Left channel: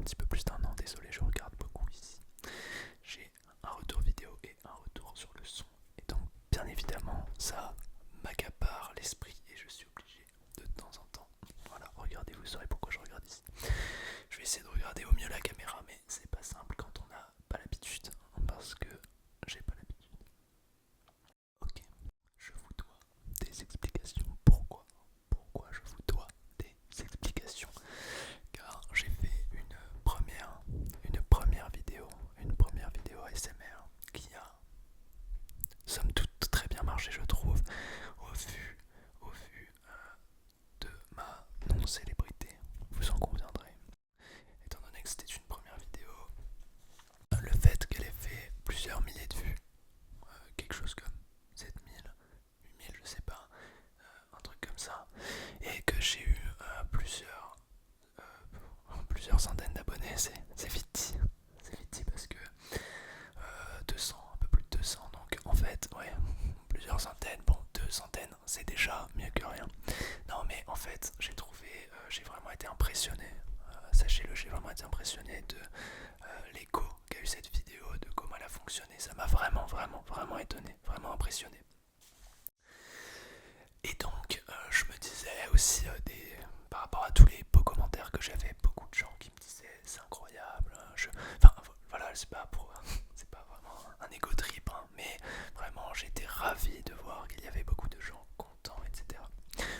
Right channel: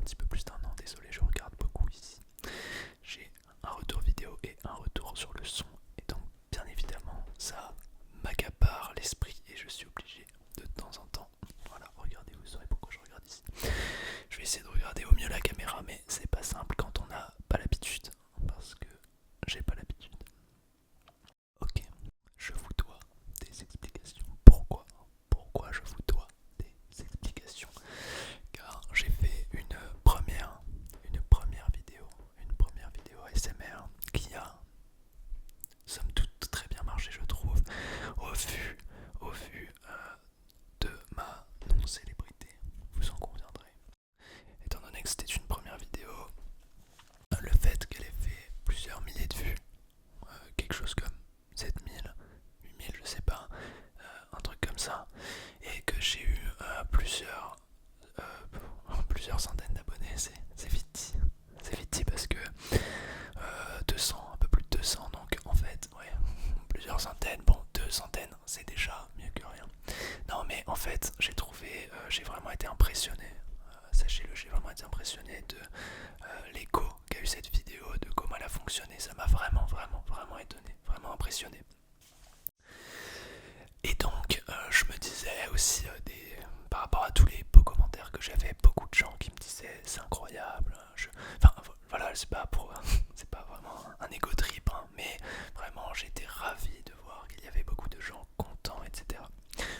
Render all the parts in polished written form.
petit peu plus d'1 an, désolé, je regarde beaucoup ici. J'ai un retour vidéo et un retour sur le son. Et donc, bien évidemment, ça m'accapare l'esprit et je suis obligé de temps en temps. Voilà, regardez, vous saurez pourquoi je regarde ici. Je vais essayer de regarder au mieux la caméra, mais c'est pas simple quand on n'a pas l'habitude, parce que j'ai pas l'habitude. Ok, je vous dois des explications. Pourquoi je vous dois des explications? Car j'ai fait une première vidéo ASMR qui a somme toute très bien marché, je trouve, au vu de ma non-célébrité, vous en conviendrez. Étant donné que c'était une première vidéo, le fait qu'elle ait fait plusieurs milliers de vues, quelque chose comme 7000, 8000, je sais pas, un truc comme ça, et que j'ai eu plusieurs centaines d'abonnés, c'est vite dit. C'est vite dit parce que 200, un peu plus de 200, donc en fait, ouais, plusieurs centaines, bon, 2 centaines, c'est déjà mieux que rien. Non, mais en fait, j'ai vraiment été impressionné. Sachez-le, j'ai vraiment été impressionné de l'écho qu'a eu cette vidéo, de comment elle a fonctionné. Ça m'a vraiment étonné, vraiment impressionné. Et donc, je me disais aussi, par rapport à tous les beaux commentaires que j'avais, beaucoup de gens qui me disaient c'est incroyable. Enfin, voilà, c'est pas vraiment un égo trip, hein, mais vraiment, j'étais ravi de voir qu'il y avait beaucoup de gens contents, etc.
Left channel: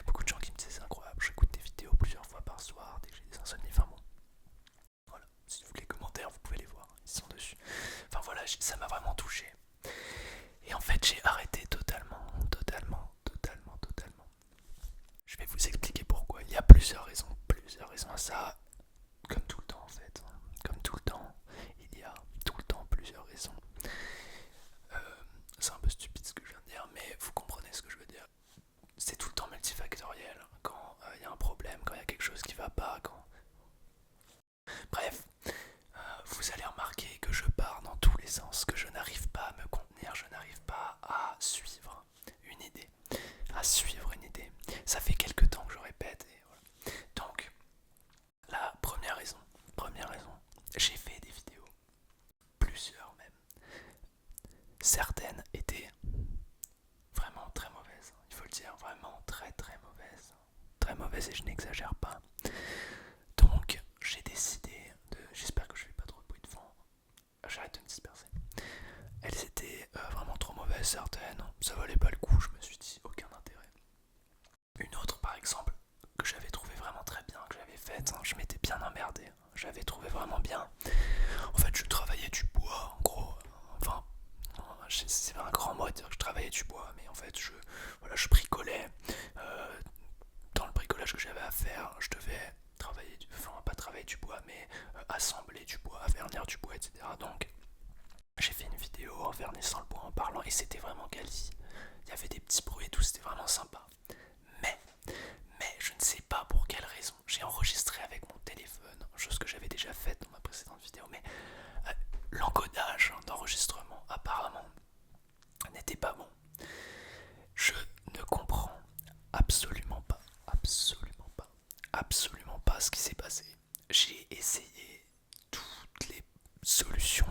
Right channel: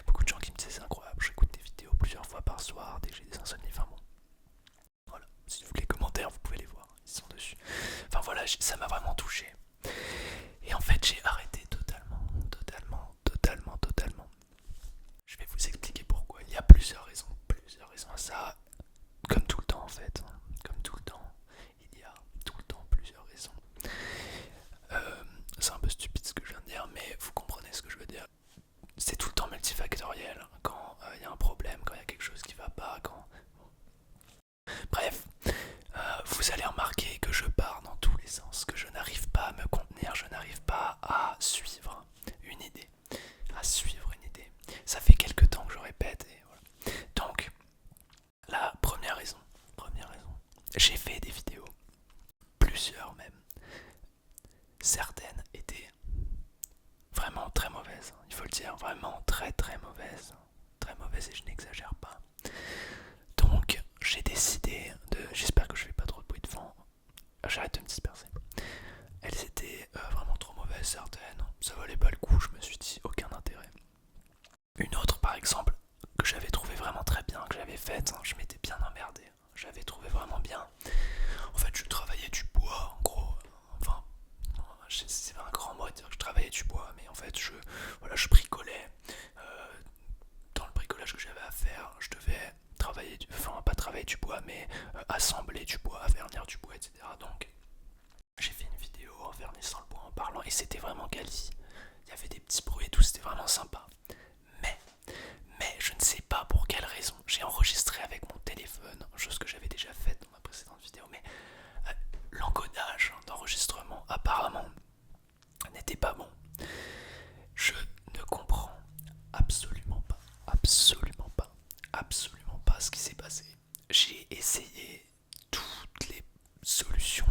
Beaucoup de gens qui me disaient c'est incroyable, j'écoute des vidéos plusieurs fois par soir dès que j'ai des insomnies. Enfin bon, voilà, si vous voulez les commentaires, vous pouvez les voir, ils sont dessus. Enfin voilà, ça m'a vraiment touché. Et en fait, j'ai arrêté totalement. Je vais vous expliquer pourquoi. Il y a plusieurs raisons à ça. Comme tout le temps en fait. Comme tout le temps, il y a tout le temps plusieurs raisons. C'est un peu stupide ce que je viens de dire, mais vous comprenez ce que je veux dire. C'est tout le temps multifactoriel. Quand il y a un problème, quand il y a quelque chose qui va pas, quand... Bref, vous allez remarquer que je pars dans tous les sens, que je n'arrive pas à me contenir, je n'arrive pas à suivre une idée. Ça fait quelques temps que je répète et voilà. Donc, la première raison, j'ai fait des vidéos, plusieurs même. Certaines étaient vraiment très mauvaises, il faut le dire, vraiment très mauvaises et je n'exagère pas. Donc, j'ai décidé de, j'espère que je fais pas trop de bruit de fond, j'arrête de me disperser. Elles étaient vraiment trop mauvaises certaines, ça valait pas le coup, je me suis dit aucun intérêt. Une autre par exemple, que j'avais trouvé vraiment très bien, que j'avais faite, je m'étais bien emmerdé, j'avais trouvé vraiment bien. En fait je travaillais du bois en gros, enfin c'est un grand mot de dire que je travaillais du bois, mais en fait je bricolais. Dans le bricolage que j'avais à faire, je devais travailler, enfin pas travailler du bois, mais assembler du bois, vernir du bois, etc. Donc j'ai fait une vidéo en vernissant le bois, en parlant, et c'était vraiment quali. Il y avait des petits bruits et tout, c'était vraiment sympa. Mais, mais je ne sais pas pour quelle raison, j'ai enregistré avec mon téléphone, chose que j'avais déjà faite dans ma précédente vidéo, mais l'encodage d'enregistrement apparemment n'était pas bon. Je ne comprends absolument pas ce qui s'est passé. J'ai essayé toutes les solutions.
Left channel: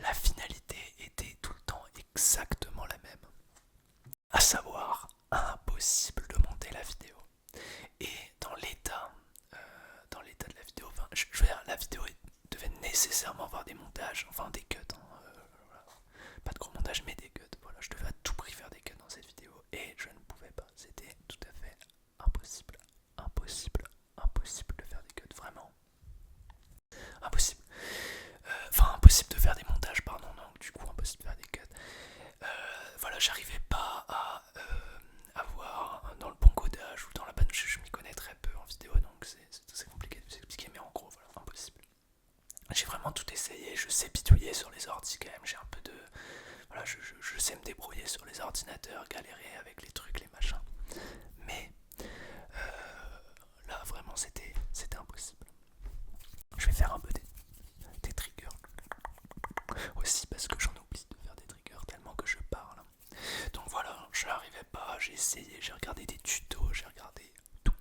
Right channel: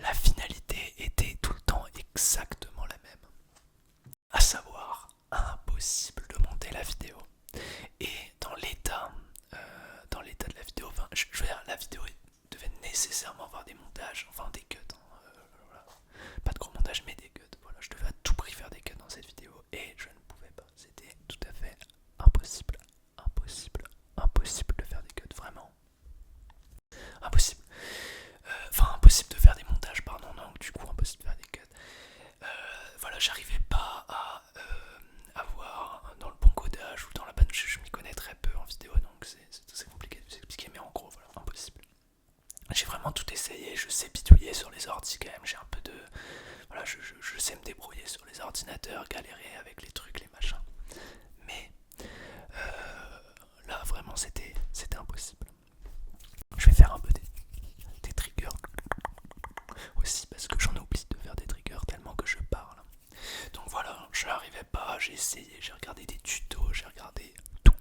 La finalité était tout le temps exactement la même. À savoir, impossible de monter la vidéo. Et dans l'état de la vidéo, enfin, je veux dire, la vidéo devait nécessairement avoir des montages, enfin des cuts. Voilà. Pas de gros montage, mais des cuts. Voilà, je devais à tout prix faire des cuts dans cette vidéo et je ne pouvais pas. C'était tout à fait impossible, impossible de faire des cuts, vraiment impossible. Enfin, impossible de faire des montages, pardon, donc du coup, impossible de faire des cuts. Voilà, j'arrivais pas à avoir dans le bon codage ou dans la bonne. Je m'y connais très peu en vidéo, donc c'est compliqué de vous expliquer, mais en gros, voilà, impossible. J'ai vraiment tout essayé, je sais bidouiller sur les ordi quand même, j'ai un peu de... Voilà, je sais me débrouiller sur les ordinateurs, galérer avec les trucs, les machins. Mais là, vraiment, c'était impossible. Je vais faire un peu des triggers aussi parce que j'en oublie de faire des triggers tellement que je parle. Donc voilà, je n'arrivais pas, j'ai essayé, j'ai regardé des tutos, j'ai regardé tout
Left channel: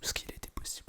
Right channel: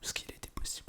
ce qu'il était possible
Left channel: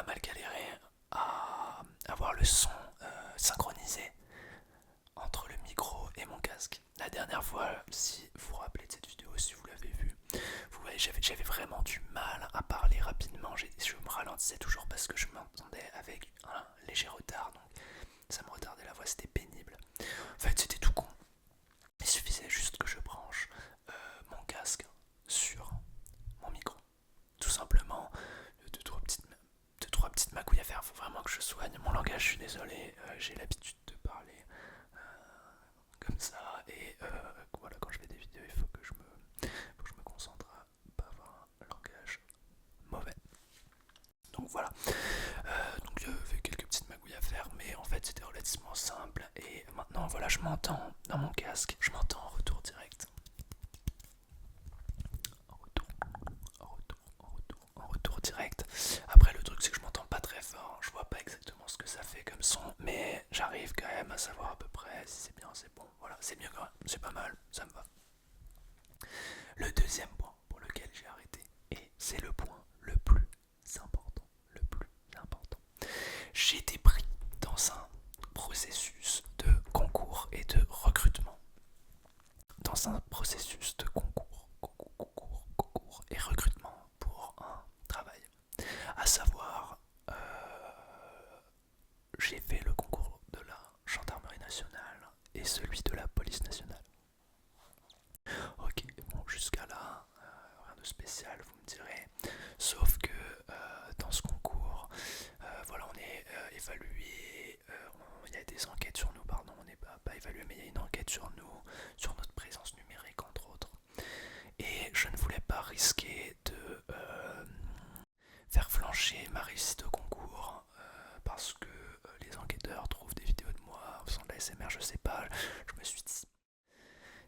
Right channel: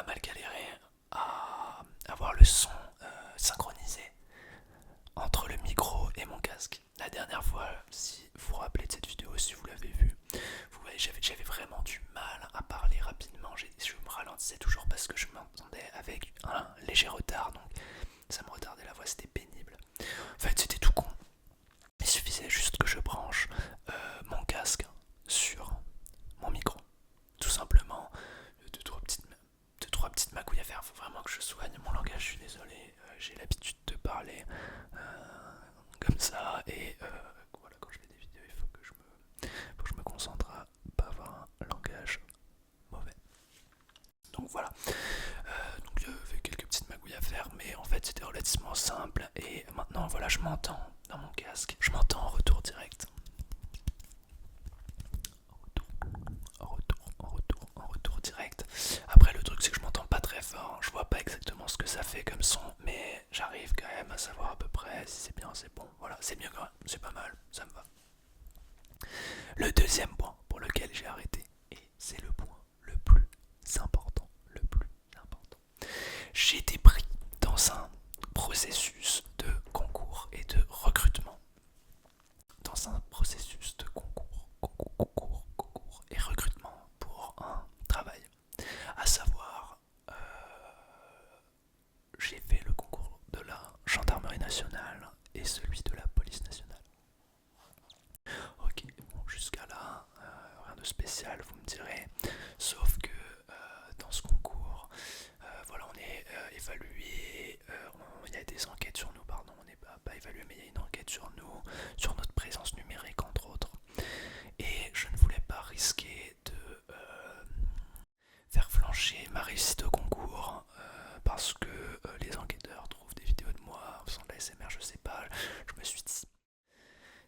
pas mal galéré à avoir le son synchronisé entre le micro et mon casque. La dernière fois, si vous vous rappelez de cette vidéo, si vous l'avez vue, vous voyez, j'avais vraiment du mal à parler rapidement. Je me ralentissais toujours parce que je m'entendais avec un léger retard, donc ça me retardait la voix, c'était pénible. En fait, c'était tout con. Il suffisait juste que je branche mon casque sur mon micro. Tout simplement, deux, trois petites magouilles à faire. Faut vraiment que je soigne mon langage, je suis désolé. J'ai l'habitude de parler comme ça. Et voilà, quand je fais des vidéos, il faut que je me concentre à pas avoir un langage mauvais. Donc voilà. Donc il y avait quelques petites magouilles à faire, mais en fait c'était relativement simple. Et maintenant, voilà, je m'entends dans mon casque. Je m'entends en retour direct. En retour direct. Après, le truc, c'est que je m'entends pas très fort. Je vois pas exactement ce que ça fait comme son, mais j'arrive quand même à savoir à peu près si c'est bien, c'est bon. Voilà, c'est mieux quand même, c'est pas mal, ça me va. Le deuxième point pour lequel j'ai arrêté, et c'est le point le plus important, j'ai été pris dans un processus de concours et de recrutement. Dans un processus de concours et recrutement pour un travail. À savoir, j'ai fait le concours de la gendarmerie nationale et celui de la police nationale. Ok, bon, jusqu'à là, rien de spécial, vous me direz. Sauf que dans ce concours, voilà, on est évalué, il y a des enquêtes sur nous, pardon, on n'est pas évalué, mais il y a une enquête sur nous, sur notre présence numérique, entre autres. Et je ne voulais pas risquer de faire flancher ma réussite au concours parce que les enquêteurs trouvent des vidéos de moi en faisant de la SMR, je sais pas. Je me suis dit,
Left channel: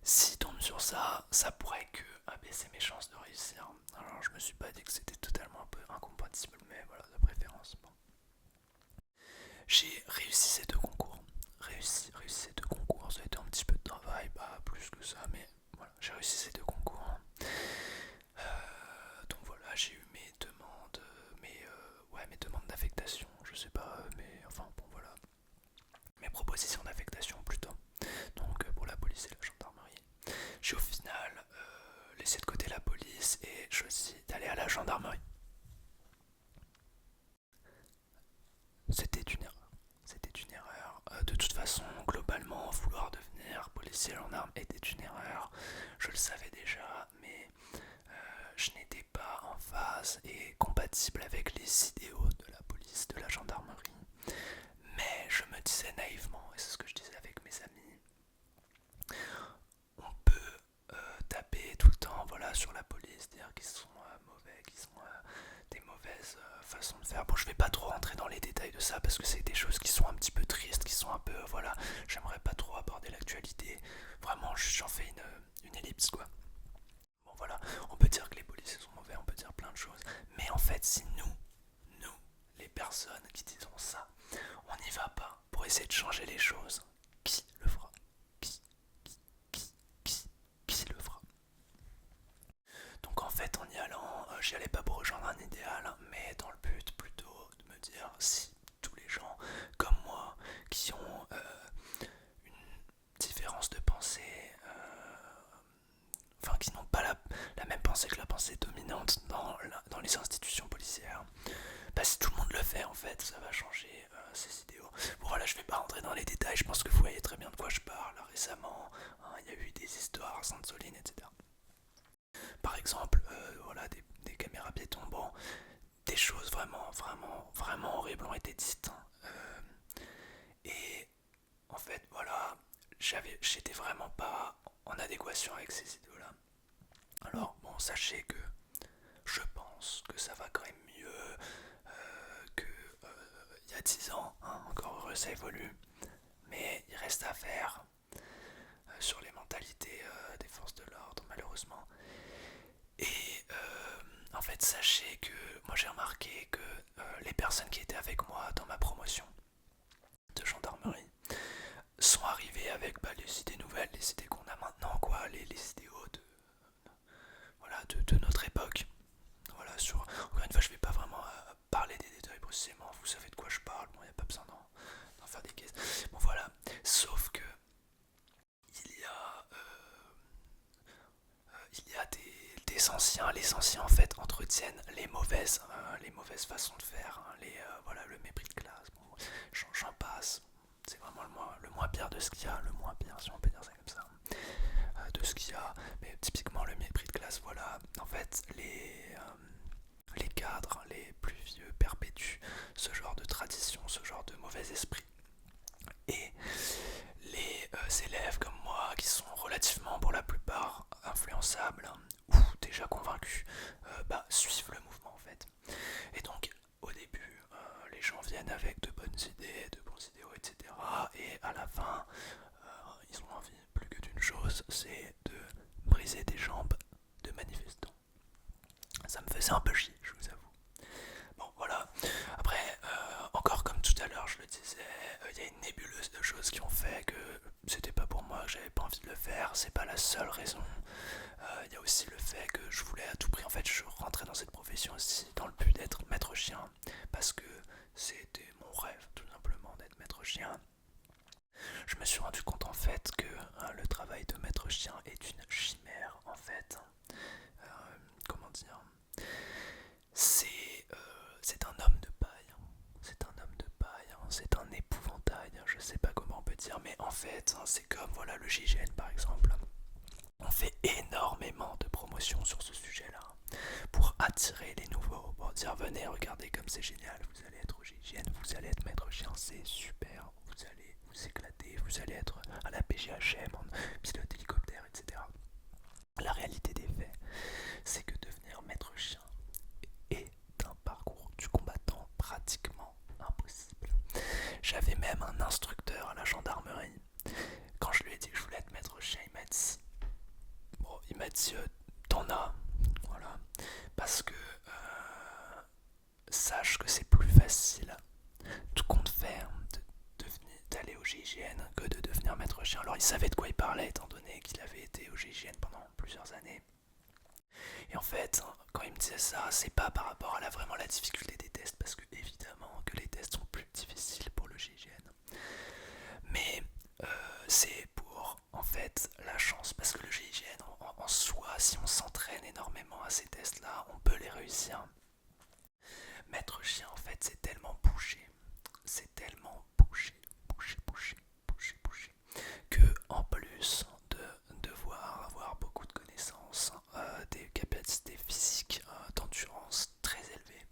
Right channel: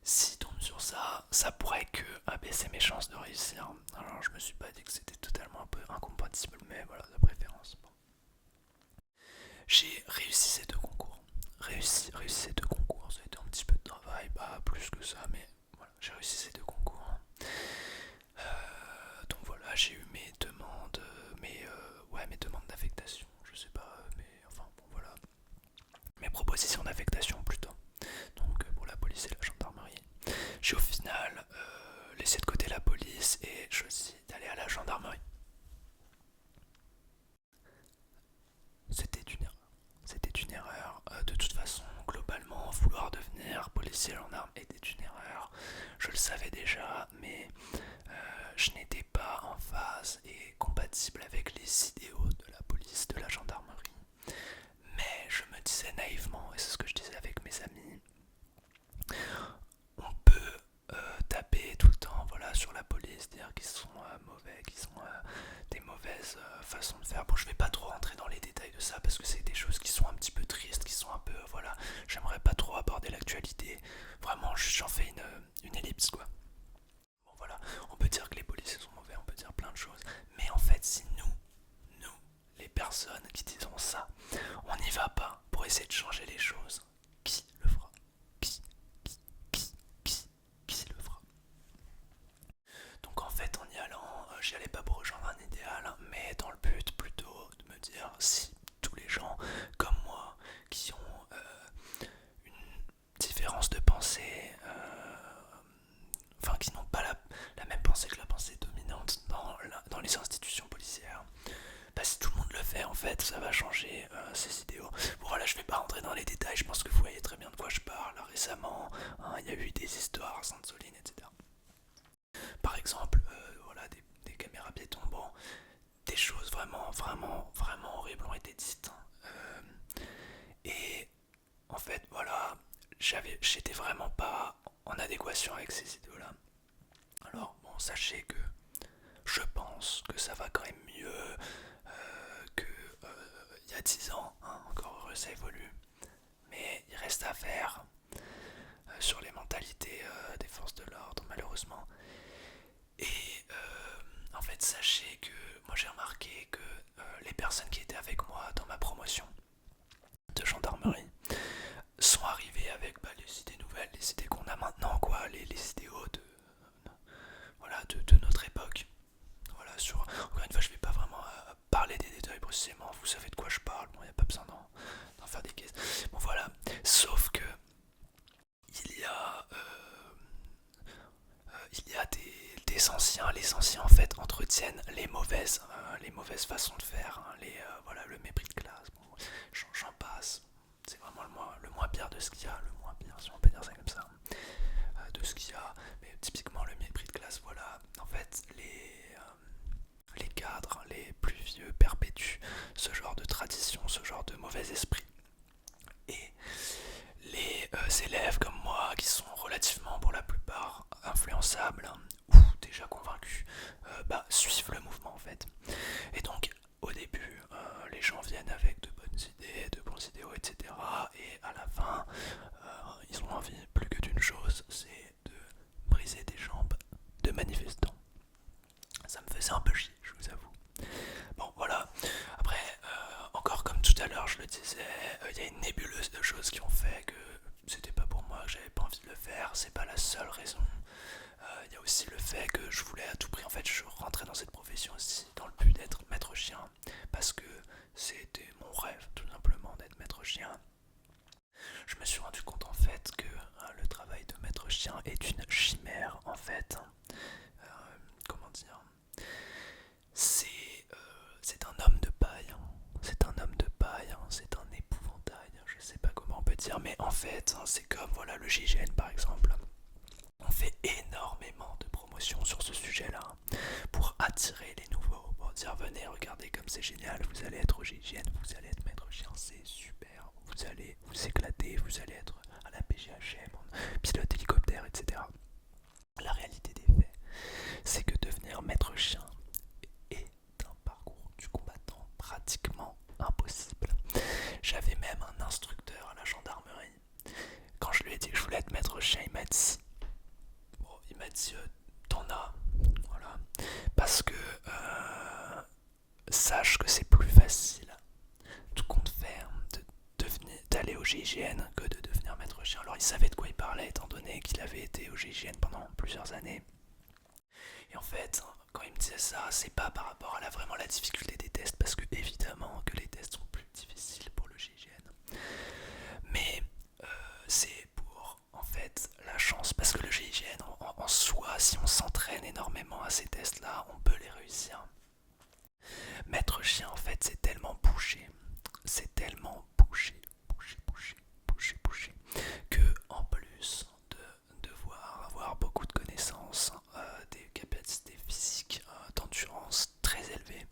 s'ils tombent sur ça, ça pourrait que abaisser mes chances de réussir. Alors je me suis pas dit que c'était totalement un peu incompatible, mais voilà, de préférence. Bon. J'ai réussi ces deux concours. Réussi ces deux concours, ça a été un petit peu de travail, pas plus que ça, mais voilà, j'ai réussi ces deux concours. Donc voilà, j'ai eu mes demandes, mes demandes d'affectation, je sais pas, mais enfin bon voilà, mes propositions d'affectation plutôt. Donc pour la police et la gendarmerie, j'ai au final laissé de côté la police et choisi d'aller à la gendarmerie. C'était une erreur. C'était une erreur. De toute façon, globalement, vouloir devenir policier gendarme était une erreur. Je le savais déjà, mais je n'étais pas en phase et compatible avec les idéaux de la police, de la gendarmerie. Mais je me disais naïvement, et c'est ce que je disais avec mes amis, on peut taper tout le temps voilà, sur la police, dire qu'ils sont mauvais, qu'ils ont des mauvaises façons de faire. Bon, je vais pas trop rentrer dans les détails de ça parce que c'est des choses qui sont un petit peu tristes, qui sont un peu, voilà, j'aimerais pas trop aborder l'actualité. Vraiment, j'en fais une ellipse, quoi. Bon, voilà, on peut dire que les policiers sont mauvais, on peut dire plein de choses, mais en fait, si nous, les personnes qui disons ça, on n'y va pas pour essayer de changer les choses, qui le fera? Qui le fera? Donc en fait, en y allant, j'y allais pas pour rejoindre un idéal, mais dans le but plutôt de me dire si tous les gens comme moi qui ont une différence de pensée, enfin qui n'ont pas la même pensée que la pensée dominante dans les institutions policières, bah si tout le monde le fait en fait, ça va changer ces idéaux. Bon voilà, je vais pas rentrer dans les détails, je pense que vous voyez très bien de quoi je parle. Récemment, hein, il y a eu des histoires à Sainte-Soline, etc. Par exemple, voilà, des caméras piétons, bon, des choses vraiment horribles ont été dites. Et en fait, voilà, j'étais vraiment pas en adéquation avec ces idéaux-là. Alors, bon, sachez que je pense que ça va quand même mieux que il y a 10 ans, hein, encore heureux, ça évolue. Mais il reste à faire sur les mentalités des forces de l'ordre, malheureusement. Et en fait, sachez que moi j'ai remarqué que les personnes qui étaient avec moi dans ma promotion de gendarmerie sont arrivées avec les idées nouvelles, les idées qu'on a maintenant, quoi, les idéaux de notre époque. Voilà, encore une fois, je vais pas vraiment parler des détails, c'est les anciens en fait entretiennent les mauvaises façons de faire, hein, voilà, le mépris de classe, bon, j'en passe. C'est vraiment le moins pire de ce qu'il y a, le moins pire si on peut dire ça comme ça, de ce qu'il y a. Mais typiquement le mépris de classe, voilà, en fait les cadres, les plus vieux perpétuent ce genre de tradition, ce genre de mauvais esprit. Et les élèves comme moi, qui sont relativement pour la plupart influençables, hein, ou déjà convaincus, suivent le mouvement en fait. Et donc au début, les gens viennent avec de bonnes idées, de bons idéaux, etc. Et à la fin, ils ont envie plus que d'une chose, c'est de briser des jambes de manifestants. Ça me faisait un peu chier, je vous avoue. Bon, voilà. Après, encore comme tout à l'heure, je le disais, il y a une nébuleuse de choses qui ont fait que c'était pas pour moi, que j'avais pas envie de le faire. C'est pas la seule raison. Il y a aussi le fait que je voulais à tout prix, en fait, je rentrais dans cette profession aussi dans le but d'être maître chien, parce que c'était mon rêve, tout simplement, d'être maître chien. Je me suis rendu compte en fait que le travail de maître chien est une chimère en fait. Comment dire, c'est c'est un homme de paille. C'est un homme de paille, hein. C'est un épouvantail. Je sais pas comment on peut dire, mais en fait, hein, c'est comme voilà le GIGN par exemple. On fait énormément de promotions sur ce sujet-là pour attirer les nouveaux, pour dire venez, regardez comme c'est génial, vous allez être au GIGN, vous allez être maître chien, c'est super, vous allez vous éclater, vous allez être à la PGHM, en pilote hélicoptère, etc. La réalité des faits, c'est que devenir maître chien est un parcours du combattant pratiquement impossible. J'avais même un instructeur à la gendarmerie. Quand je lui ai dit que je voulais être maître chien, il m'a dit t'en as, voilà, parce que sache que c'est plus facile, tout compte fait, d'aller au GIGN que de devenir maître chien. Alors il savait de quoi il parlait étant donné qu'il avait été au GIGN pendant plusieurs années. Et en fait, quand il me disait ça, c'est pas par rapport à vraiment la difficulté des tests, parce que évidemment que les tests sont plus difficiles pour le GIGN. Mais c'est pour en fait la chance, parce que le GIGN en soi, si on s'entraîne énormément à ces tests-là, on peut les réussir. Maître chien, en fait, c'est tellement bouché, c'est tellement bouché, que en plus de devoir avoir beaucoup de connaissances, des capacités physiques, d'endurance très élevées,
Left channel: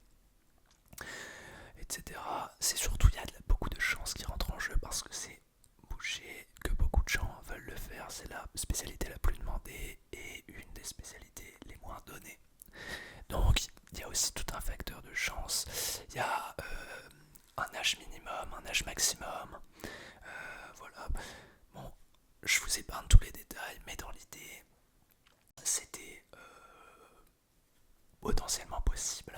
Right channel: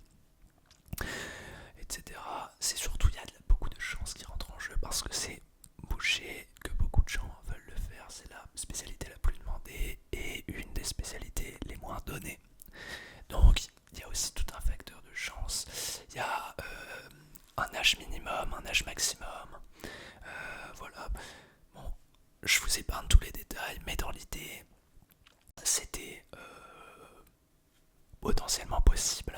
etc. C'est surtout, il y a beaucoup de chance qui rentrent en jeu parce que c'est bouché, que beaucoup de gens veulent le faire. C'est la spécialité la plus demandée et une des spécialités les moins données. Donc il y a aussi tout un facteur de chance. Il y a un âge minimum, un âge maximum. Voilà. Bon, je vous épargne tous les détails, mais dans l'idée, c'était potentiellement possible.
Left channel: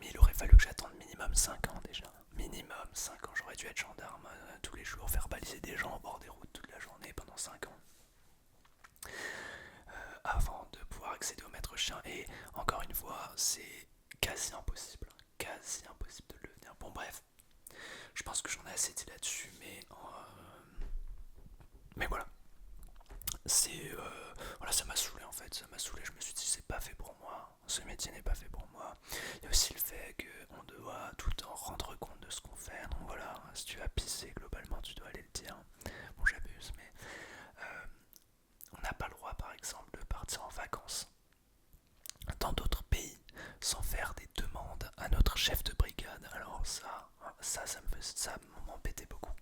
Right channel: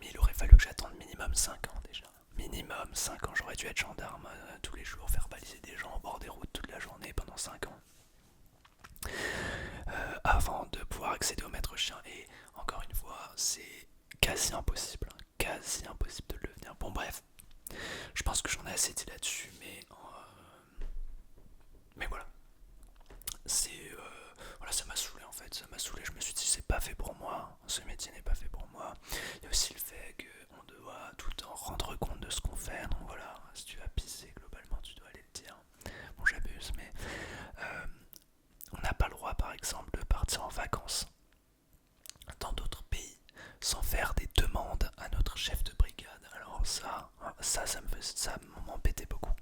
Mais il aurait fallu que j'attende minimum 5 ans déjà. Minimum 5 ans, j'aurais dû être gendarme tous les jours, faire baliser des gens au bord des routes toute la journée pendant 5 ans. Avant de pouvoir accéder au maître chien. Et encore une fois, c'est quasi impossible. Quasi impossible de le devenir. Bon bref, je pense que j'en ai assez dit là-dessus, mais voilà. C'est voilà, ça m'a saoulé en fait, ça m'a saoulé. Je me suis dit c'est pas fait pour moi, ce métier n'est pas fait pour moi. Il y a aussi le fait qu'on doit tout le temps rendre compte de ce qu'on fait. Donc voilà, si tu as pissé globalement, tu dois aller le dire. Bon, j'abuse, mais on n'a pas le droit par exemple de partir en vacances dans d'autres pays sans faire des demandes à notre chef de brigade. Alors ça m'embêtait beaucoup.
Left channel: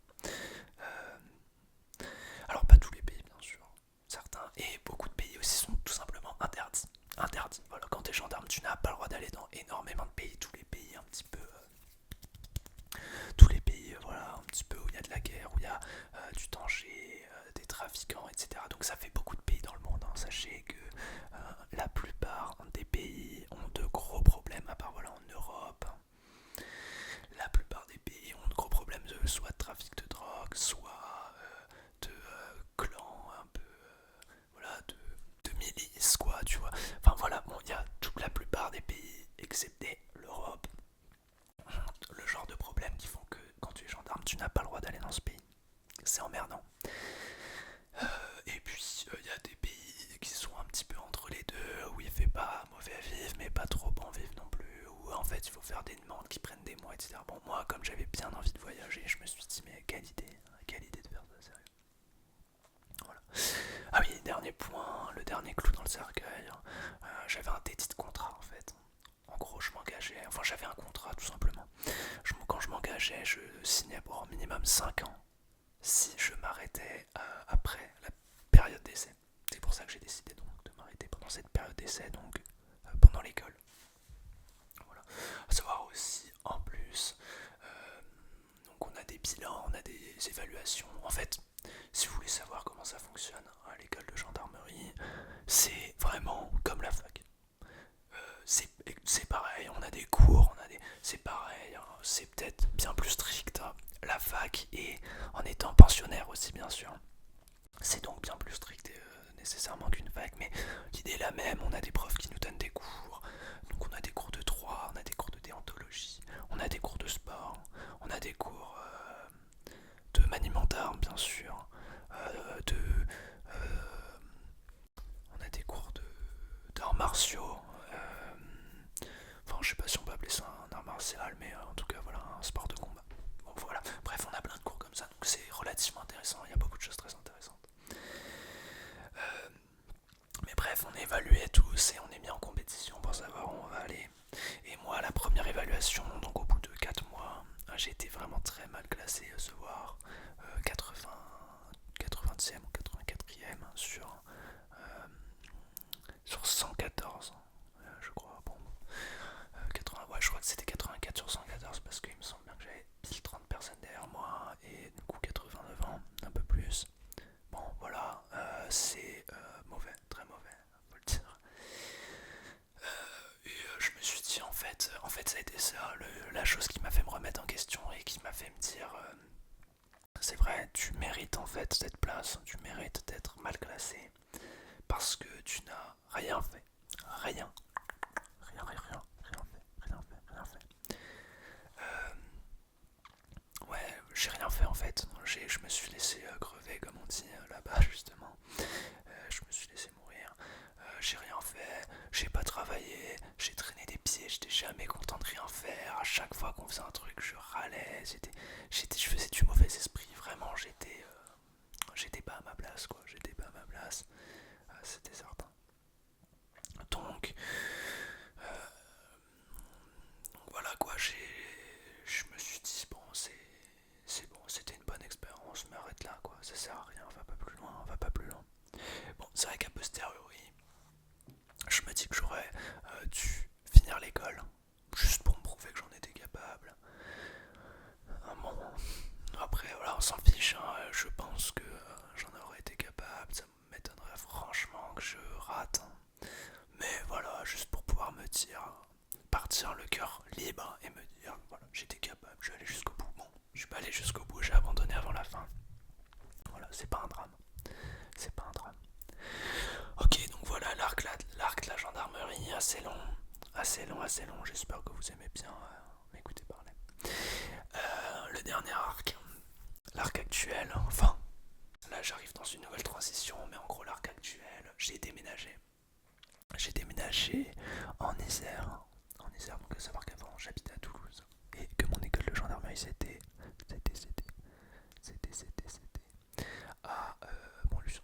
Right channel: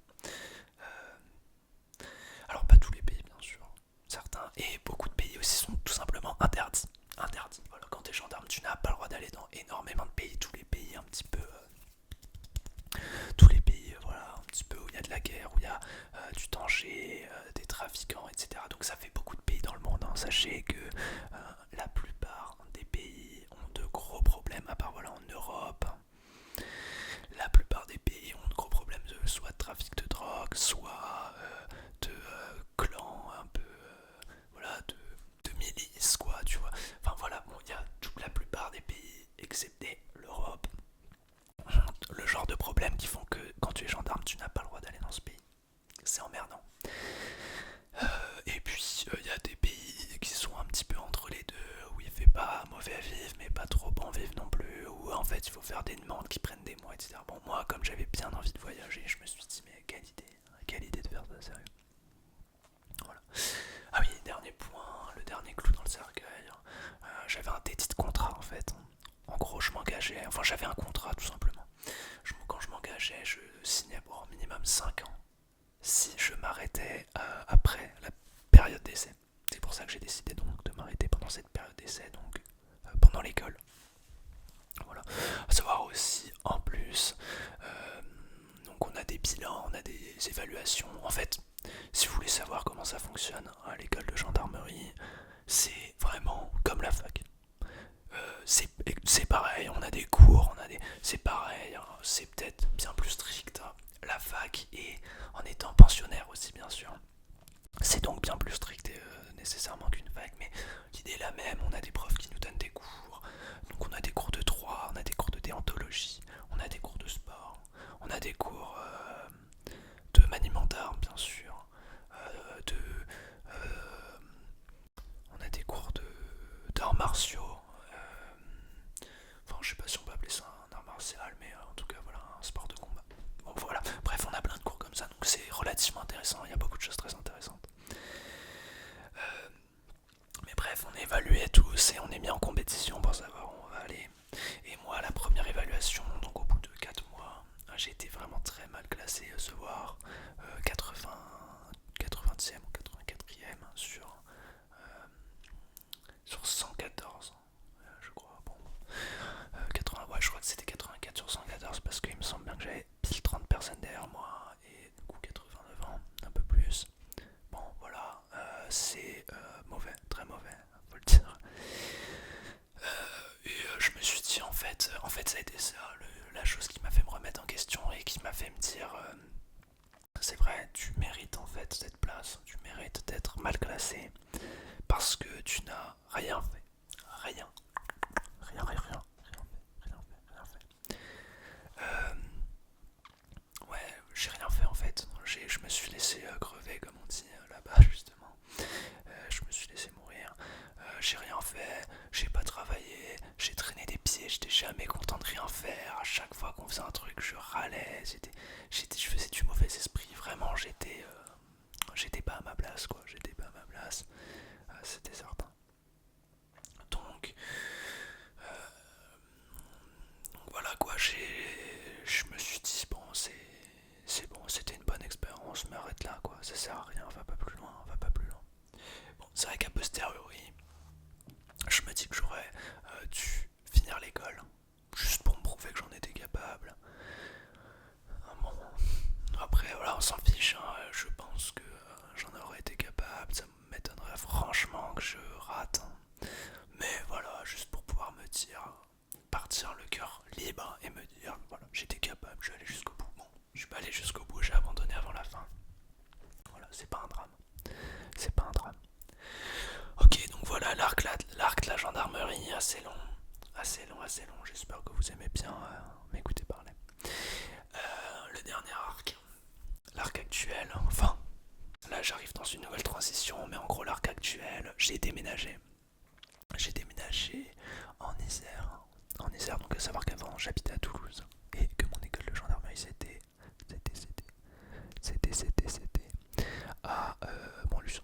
Alors pas tous les pays bien sûr, certains, et beaucoup de pays aussi sont tout simplement interdits. Interdits. Voilà, quand t'es gendarme, tu n'as pas le droit d'aller dans énormément de pays, tous les pays un petit peu, tous les pays, voilà, un petit peu où il y a de la guerre, où il y a du danger, des trafiquants, etc. Donc ça fait beaucoup de pays dans le monde. Hein. Sachez que la plupart des pays ont de gros problèmes, à part voilà en Europe. La plupart des pays ont de gros problèmes de soit de trafic de drogue, soit de clans un peu, voilà, de milices quoi, tu vois. Enfin voilà, bon, il y a toute la plupart des pays, excepté l'Europe, ont le genre de problèmes qui font que quand tu es gendarme, tu n'as pas le droit d'aller dans ce pays. C'est emmerdant. Et puis il y a des pays qui sont un petit peu entre les deux, où il fait pas mauvais à vivre, mais pas trop bon à vivre non plus, ou en fait il faut faire des demandes qui prennent des mois, etc. Bon, moi, comme j'avais bien envie de voyager, je me suis dit, mais quelle idée de faire ça, sérieux. Voilà. Ah oui, dernier point, le dernier clou dans le cercueil, j'avais un dédit de contrat en fait. En gros, je m'engageais, enfin j'avais un contrat tout simplement. Quand je m'engageais, je signais pour au minimum 5 ans si je m'arrêtais après la période d'essai. C'est pour ça que j'ai décidé donc de m'arrêter pendant cette période d'essai, donc pendant l'école. Voilà. À savoir aussi, en plus, donc on a des bilans, on a des évaluations. En fait, si vous voulez savoir comment ça fonctionne à l'école de gendarmerie, c'est vraiment comme la fac. C'est pareil, on a des cours, c'est pareil, hein, c'est peut-être bien plus strict, hein, la fac, et en étant pensionnaire aussi bien sûr. C'est donc bien plus strict nécessairement qu'une fac, mais l'idée est la même, on a des profs qui nous donnent des cours, donc on a des cours de droit, on a des cours de déontologie, on a des cours de sport, on a des cours de maniement d'armes bien sûr, on a des cours d'arts martiaux, enfin je sais pas si on peut appeler ça un art martial, mais en tout cas voilà, un sport de combat. Bon voilà, bref on a plein de cours comme ça, donc c'est relativement intéressant, il y a beaucoup de choses très intéressantes. Mais bref, on est évalué tous et on est mis en compétition pour savoir où on va aller. Et moi, la première évaluation, donc au bout de 4 mois, j'ai été vraiment très mal classé ce soir. 80, 80e ou 84e sur 114, je crois. Bon, 80, ouais, je crois que c'était 84 sur 114 parce qu'il me semble bien que j'avais pile 30 personnes derrière moi et du coup 89 ans, un peu plus. Bon, voilà, c'est mauvais, très mauvais, faut le dire. Et je me suis dit, en fait, ça a été ça, la chose qui m'a fait me remettre en question et qui m'a fait me dire, c'est vrai, tu mérites en fait cette place, tu mérites d'être mal classé parce que tu n'as rien fait, rien, rien, rien, rien, rien fait, rien fait, rien fait. Ouais, j'ai rien fait en fait. Je me suis laissé crever, comme on dit là-bas, justement. Je me suis laissé mourir. J'ai rien fait, j'ai pas travaillé, j'ai traîné des pieds, j'étais jamais content de rien faire. À chaque fois qu'on faisait un truc, je râlais. Je faisais du mauvais esprit. Vraiment, j'étais pas à ma place, quoi. J'étais pas à ma place. C'était certain. Donc, donc voilà quoi, je me suis dit bon c'est bon, c'était une bonne expérience, mais arrête là quoi, ça sert à rien, va pas plus loin, va pas plus loin. Bon, c'est vrai qu'à posteriori, je me dis que j'aurais dû finir l'école, juste pour me prouver que j'en étais capable. Bon, après voilà, on s'en fiche, hein, je pense que j'en aurais été capable, ça m'étonnerait franchement que je rate, hein. Mais voilà, juste pour pouvoir me dire, partir le cœur libre et me dire, voilà, j'étais capable, je vais aller jusqu'au bout. Bon, je suis pas allé jusqu'au bout, j'ai abandonné avant la fin. Voilà, c'est pas un drame. C'est pas un drame. Ok, donc voilà, l'arc de la gendarmerie, assez long. Assez long, assez long. J'espère que vous aimez bien m'écouter parler. Le dernier arc, l'arc actuel, enfin, là j'arrive dans une nouvelle transition, mais en gros, l'arc actuel, j'ai déménagé. J'ai déménagé en Isère. En Isère, donc à savoir qu'avant j'habitais à Toulouse et que mon école de gendarmerie c'était à Montluçon.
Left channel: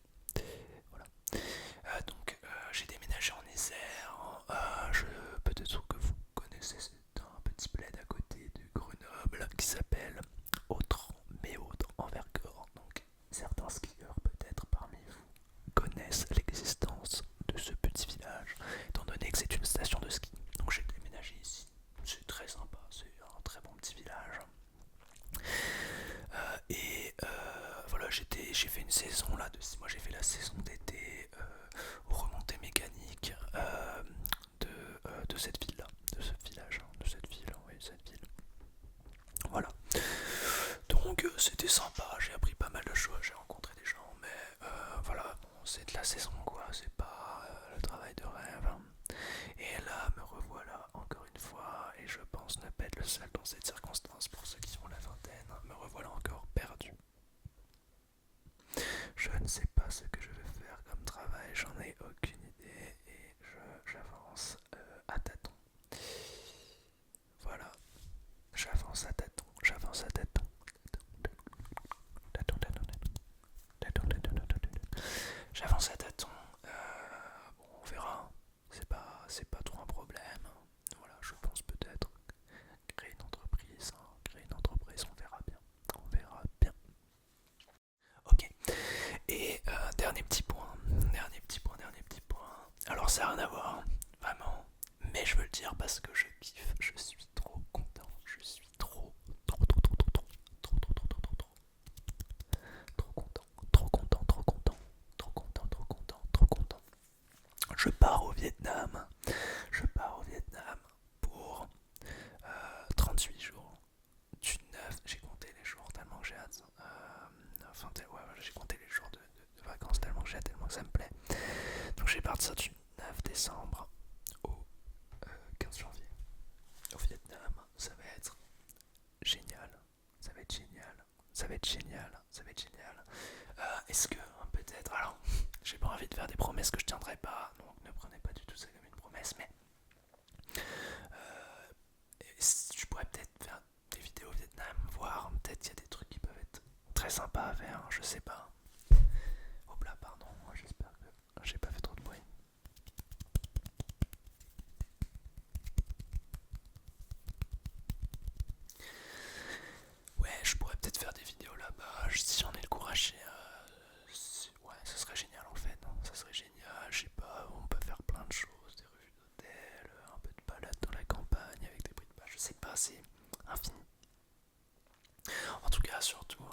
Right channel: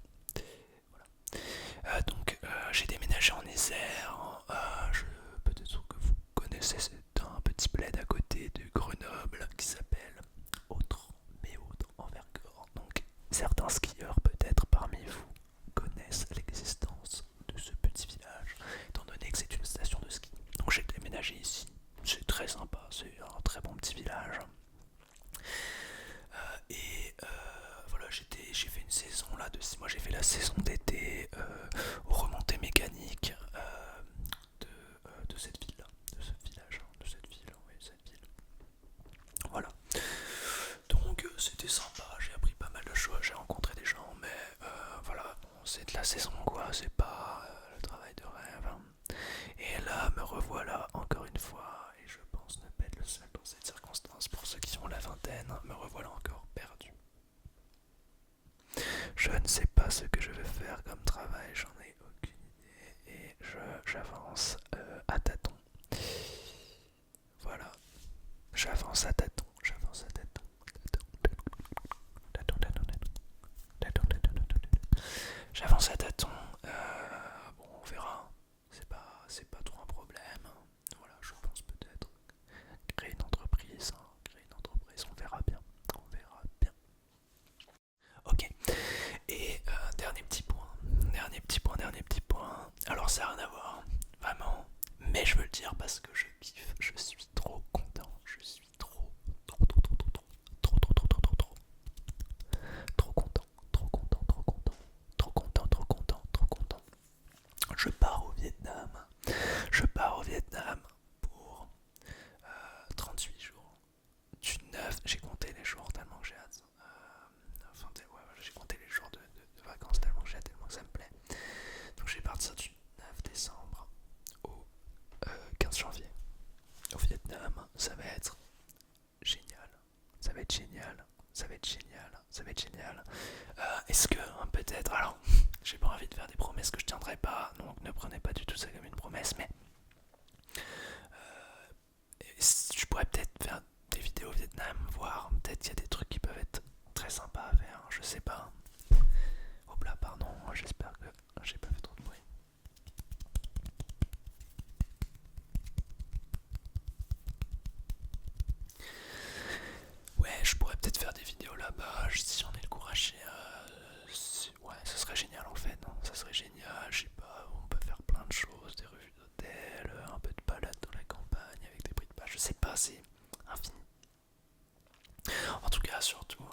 Voilà. Donc j'ai déménagé en Isère. Peut-être que vous connaissez, c'est un petit bled à côté de Grenoble qui s'appelle Autre en Vercors. Donc certains skieurs peut-être parmi vous connaissent l'existence de ce petit village, étant donné que c'est une station de ski. Donc j'ai déménagé ici. C'est très sympa, c'est un très bon petit village. Et voilà, j'ai fait une saison là de 6 mois, j'ai fait la saison d'été aux remontées mécaniques de cette ville là, de ce village, de cette ville, oui, cette ville. Voilà. Donc c'était sympa, j'ai appris pas mal de choses, j'ai rencontré des gens, mais voilà, bon, c'est de la saison quoi, c'est pas le travail de rêve, hein. Et là, me revoilà encore une fois, et je pense ne pas être le seul dans cette circonstance pour ceux qui ont la vingtaine, me revoilà encore perdu. Je ne sais pas ce que je vais faire comme travail, j'en ai aucune idée, et j'avance à tâtons. Voilà, j'avance à tâtons, j'avance à tâtons. J'avance à tâtons. Bon, on verra. C'est pas trop un problème. Voilà, je pense peut-être créer une entreprise. Créer une entreprise, on verra bien. On verra bien. Ok. Et dernier petit point. Dernier petit point, dernier petit point. Alors ça n'a rien à voir. Vraiment. Mais je veux le dire parce que je kiffe. Je suis trop content. Je suis trop, trop, trop, trop, trop, trop, trop, trop, trop, trop, trop, trop content. Trop content, trop content. Trop content, trop content, trop content. Je pars au Vietnam. Je pars au Vietnam pour 38 jours. Du 9, j'ai compté les jours tellement que j'ai hâte. Ouais, j'ai compté les jours de vacances tellement que j'ai hâte, tellement que ça me plaît. Donc je vais partir du 9 décembre au 15 janvier au Vietnam. Ça va être génial. Ça va être génial. Ça va être génial. Ça va être génial. Est-ce que peut-être, alors j'ai pas envie de faire des promesses que je tiendrai pas, donc ne prenez pas du tout ça comme une promesse, mais je pourrais peut-être faire des vidéos au Vietnam, voir peut-être qu'il y a des trucs qui peuvent être très sympas à faire, je sais pas. Hop là, pardon, j'espère que j'ai pas fait trop de bruit. Ouais, je pourrais peut-être faire des vidéos là-bas, si j'en ai le courage. Ouais, ça serait génial en fait, non, ça serait génial, je sais pas, on peut faire plein de choses, des revues d'hôtel, un peu de balade dans la campagne avec des prix de page, je sais pas, c'est infini. En tout cas, surtout,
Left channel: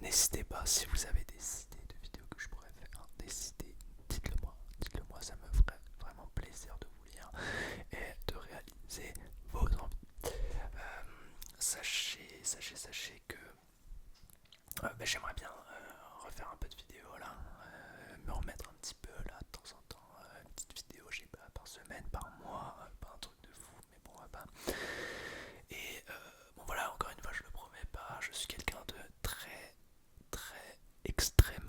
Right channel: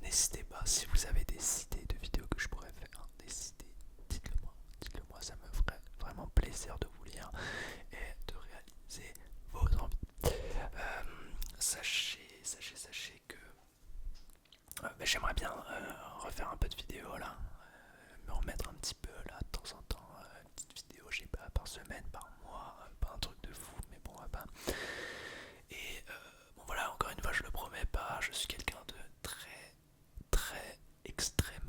n'hésitez pas si vous avez des idées de vidéos que je pourrais faire, des idées, dites-le moi, ça me ferait vraiment plaisir de vous lire et de réaliser vos envies. Sachez que j'aimerais bien refaire un peu de vidéos là, me remettre un petit peu là de temps en temps, une petite vidéo, je sais pas, par semaine, par mois, pas un truc de fou, mais bon, bah. Et bon voilà, encore une fois, je le promets pas, je suis quelqu'un de très, très extrêmement